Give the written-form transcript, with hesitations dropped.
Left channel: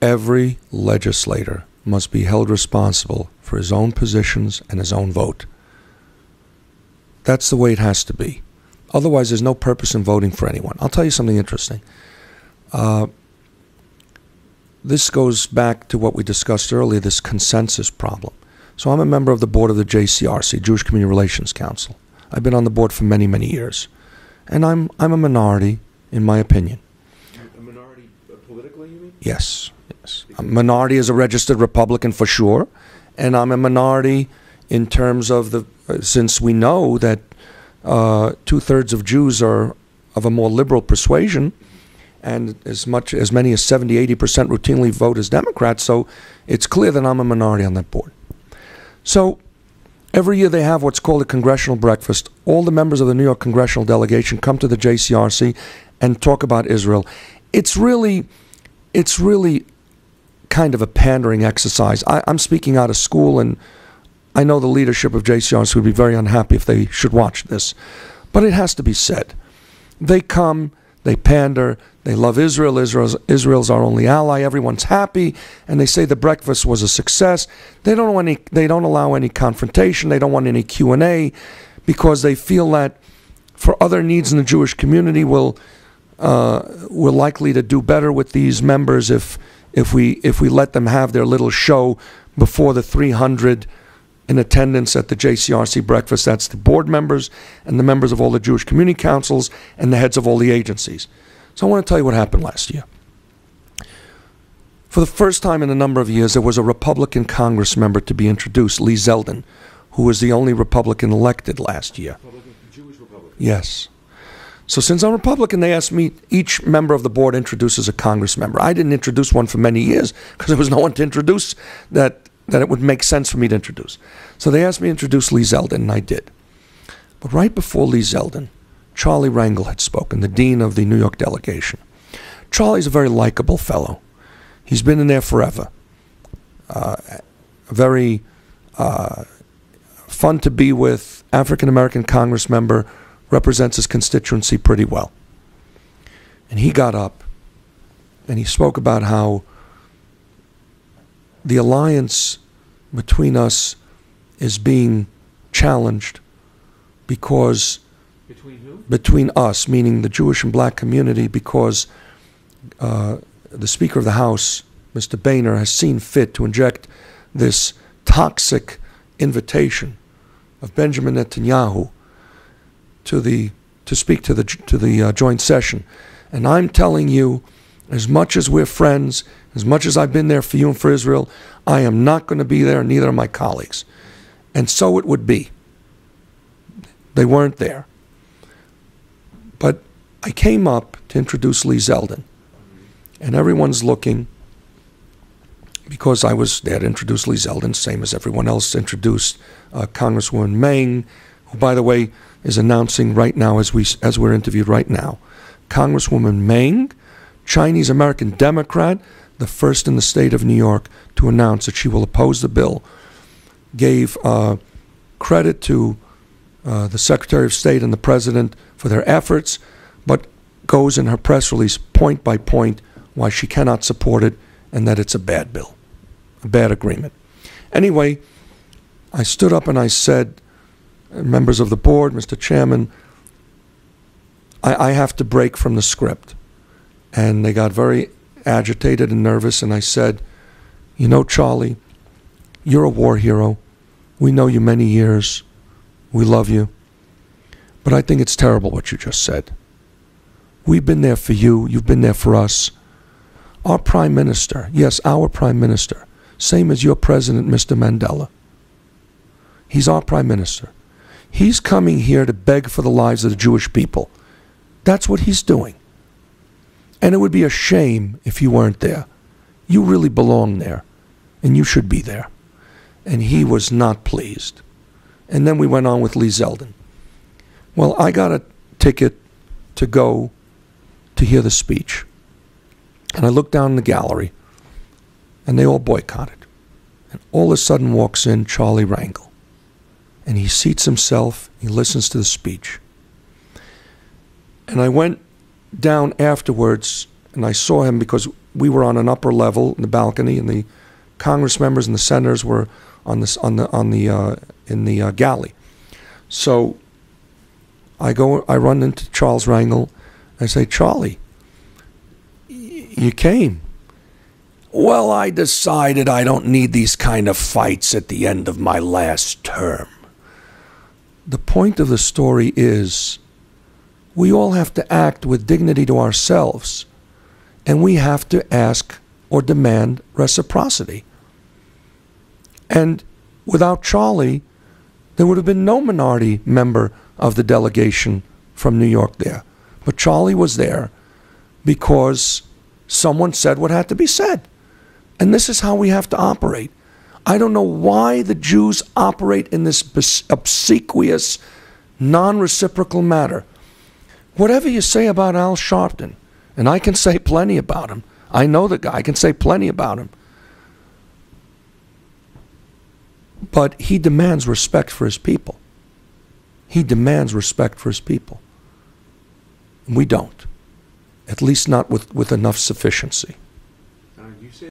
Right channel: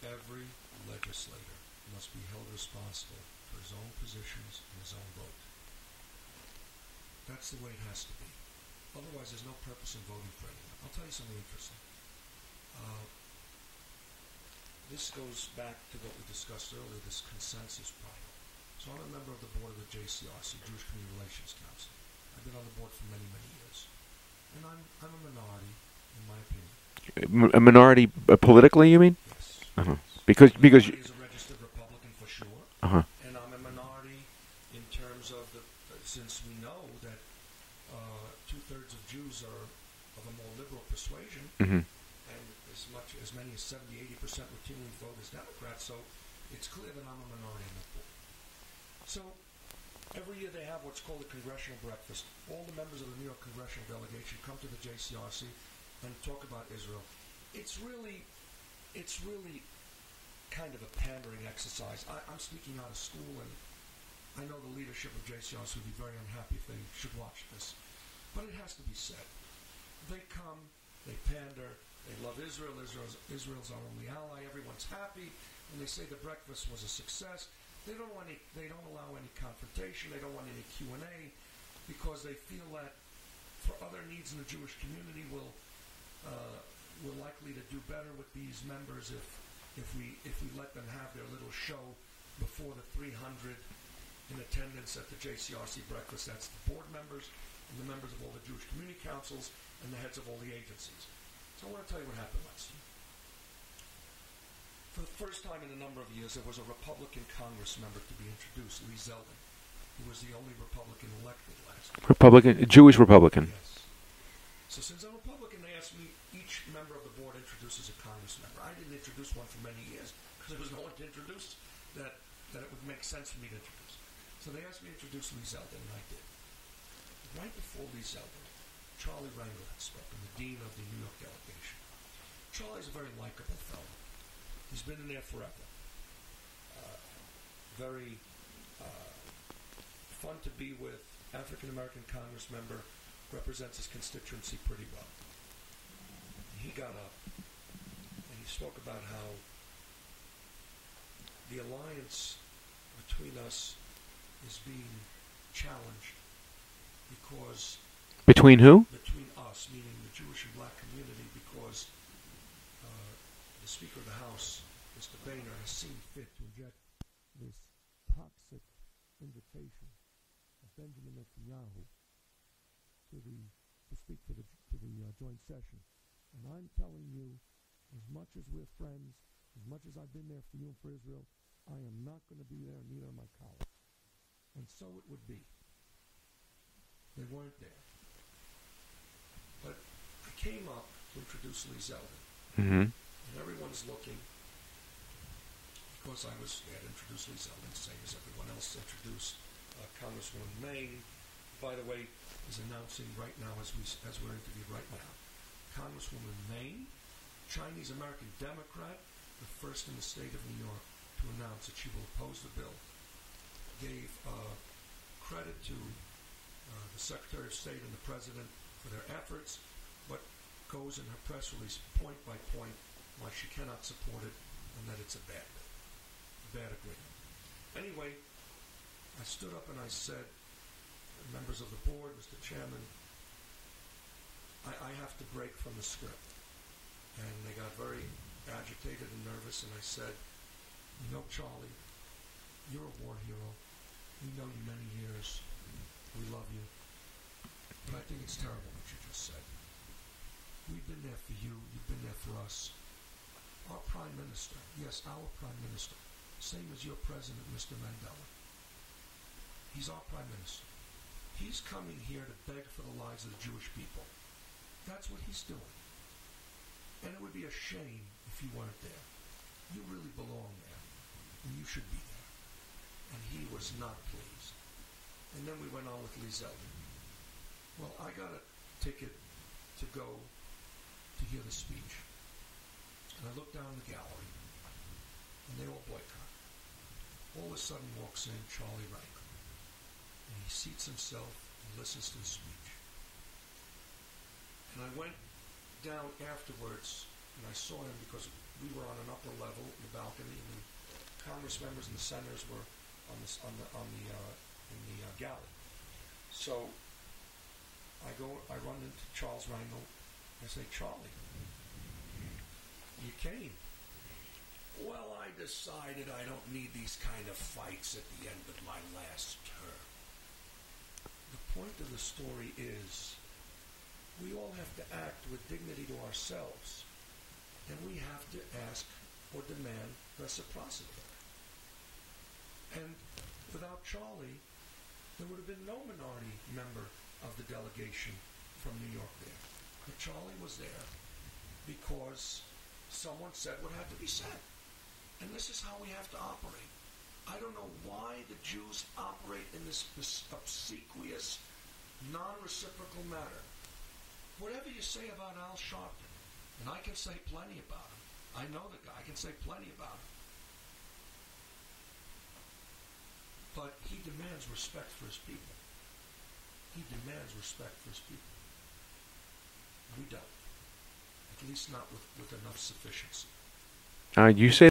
Every legislator must be held responsible for his own positions and his own vote. That's the way it has to be. Otherwise, there's no purpose in voting for anyone. I'll tell you something interesting. This goes back to what we discussed earlier, this consensus problem. So I'm a member of the board of the JCRC, Jewish Community Relations Council. I've been on the board for many, many years. And I'm a minority, in my opinion. A minority politically, you mean? Yes. Because minority is a registered Republican for sure. And I'm a minority in terms of since we know that 2/3 of Jews are of a more liberal persuasion, and as many as 70-80% routinely vote as Democrats, so it's clear that I'm a minority on that board. So every year they have what's called a congressional breakfast. All the members of the New York congressional delegation come to the JCRC and talk about Israel. It's really kind of a pandering exercise. I'm speaking out of school, and I know the leadership of JCRC would be very unhappy if they should watch this. But it has to be said. They come, they pander, they love Israel. Israel's our only ally. Everyone's happy, and they say the breakfast was a success. They don't allow any confrontation. They don't want any Q&A because they feel that for other needs in the Jewish community, we're likely to do better with these members if we let them have their little show before the 300 in attendance at the JCRC breakfast. That's the board members and the members of all the Jewish community councils and the heads of all the agencies. So I want to tell you what happened last year. For the first time in a number of years, there was a Republican Congress member to be introduced, Lee Zeldin, who was the only Republican elected last year. Jewish Republican? Yes. So since I'm Republican, they asked me, each member of the board introduces a Congress member. I didn't introduce one for many years because there was no one to introduce that it would make sense for me to introduce. So they asked me to introduce Lee Zeldin, and I did. But right before Lee Zeldin, Charlie Rangel had spoken, the dean of the New York delegation. Charlie's a very likable fellow. He's been in there forever. Very fun to be with, African-American Congress member, represents his constituency pretty well. And he got up and he spoke about how the alliance between us is being challenged because... Between who? Between us, meaning the Jewish and black community, because the Speaker of the House, Mr. Boehner, has seen fit to inject this toxic invitation of Benjamin Netanyahu to speak to the joint session. And I'm telling you, as much as we're friends, as much as I've been there for you and for Israel, I am not going to be there, and neither are my colleagues. And so it would be. They weren't there. But I came up to introduce Lee Zeldin. And everyone's looking, because I was there to introduce Lee Zeldin, same as everyone else introduced Congresswoman Meng, who, by the way, is announcing right now, as we're interviewed right now. Congresswoman Meng, Chinese-American Democrat, the first in the state of New York to announce that she will oppose the bill, gave credit to the Secretary of State and the President for their efforts, but goes in her press release point by point why she cannot support it and that it's a bad bill, a bad agreement. Anyway, I stood up and I said, members of the board, Mr. Chairman, I have to break from the script. And they got very agitated and nervous, and I said, you know, Charlie, you're a war hero. We know you many years. We love you. But I think it's terrible what you just said. We've been there for you. You've been there for us. Our Prime Minister, yes, our Prime Minister, same as your President, Mr. Mandela. He's our Prime Minister. He's coming here to beg for the lives of the Jewish people. That's what he's doing. And it would be a shame if you weren't there. You really belong there, and you should be there. And he was not pleased. And then we went on with Lee Zeldin. Well, I got a ticket to go to hear the speech. And I looked down in the gallery, and they all boycotted. And all of a sudden walks in Charlie Rangel. And he seats himself, he listens to the speech. And I went down afterwards, and I saw him because we were on an upper level in the balcony, and the Congress members and the senators were in the galley. So I run into Charles Rangel. I say, Charlie, you came. Well, I decided I don't need these kind of fights at the end of my last term. The point of the story is we all have to act with dignity to ourselves, and we have to ask or demand reciprocity. And without Charlie, there would have been no minority member of the delegation from New York there. But Charlie was there because someone said what had to be said. And this is how we have to operate. I don't know why the Jews operate in this obsequious, non-reciprocal manner. Whatever you say about Al Sharpton, and I can say plenty about him. I know the guy. I can say plenty about him. But he demands respect for his people. He demands respect for his people. We don't. At least not with enough sufficiency. You say